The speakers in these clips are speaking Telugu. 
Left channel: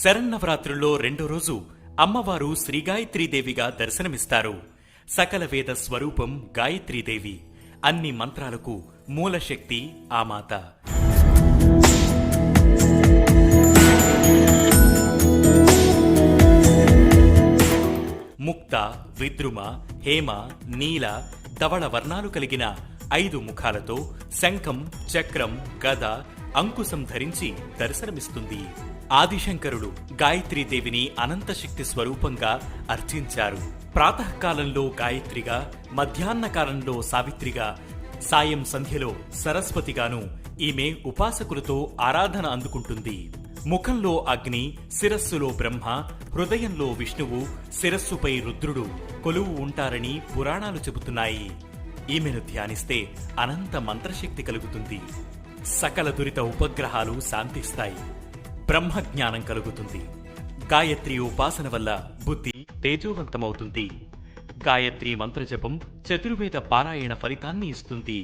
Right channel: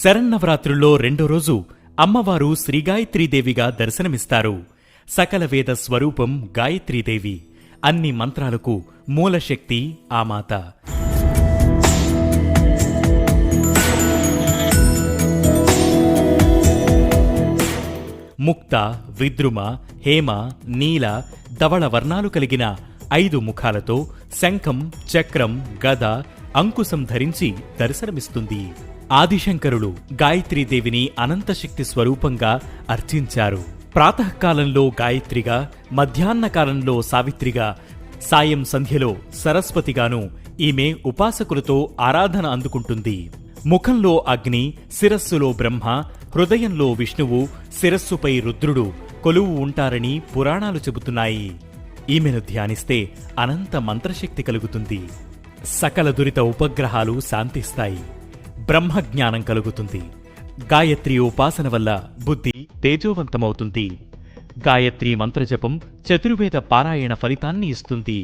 శరన్నవరాత్రుల్లో రెండో రోజు అమ్మవారు శ్రీగాయత్రీదేవిగా దర్శనమిస్తారు. సకల వేద స్వరూపం గాయత్రీదేవి. అన్ని మంత్రాలకు మూలశక్తి ఆ మాత. ముక్త, విద్రుమ, హేమ, నీల, ధవళ వర్ణాలు కలిగిన 5 ముఖాలతో శంఖం, చక్రం, గద, అంకుశం ధరించి దర్శనమిస్తుంది. ఆదిశంకరులు గాయత్రీదేవిని అనంతశక్తి స్వరూపంగా అర్చించారు. ప్రాతకాలంలో గాయత్రిగా, మధ్యాహ్న కాలంలో సావిత్రిగా, సాయం సంధ్యలో సరస్వతిగాను ఈమె ఉపాసకులతో ఆరాధన అందుకుంటుంది. ముఖంలో అగ్ని, శిరస్సులో బ్రహ్మ, హృదయంలో విష్ణువు, శిరస్సుపై రుద్రుడు కొలువు ఉంటారని పురాణాలు చెబుతున్నాయి. ఈమెను ధ్యానిస్తే అనంత మంత్రశక్తి కలుగుతుంది. సకల దురిత ఉపగ్రహాలు శాంతిస్తాయి. బ్రహ్మజ్ఞానం కలుగుతుంది. గాయత్రి ఉపాసన వల్ల బుద్ధి తేజోవంతమవుతుంది. గాయత్రి మంత్రజపం చతుర్వేద పారాయణ ఫలితాన్ని ఇస్తుంది.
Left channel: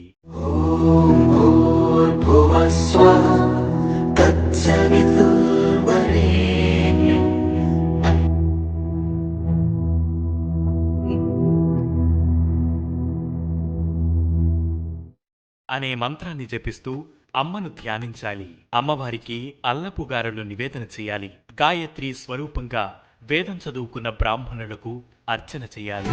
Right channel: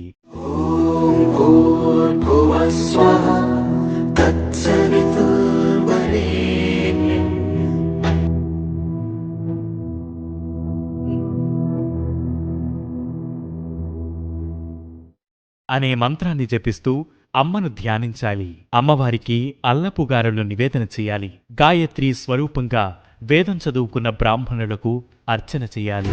అనే మంత్రాన్ని జపిస్తూ అమ్మను ధ్యానించాలి. అమ్మవారికి అల్లపుగారెలు నివేదన చేయాలి. గాయత్రి స్వరూపంగా వేదం చదువుకున్న బ్రాహ్మణులకు అర్చన చేయాలి.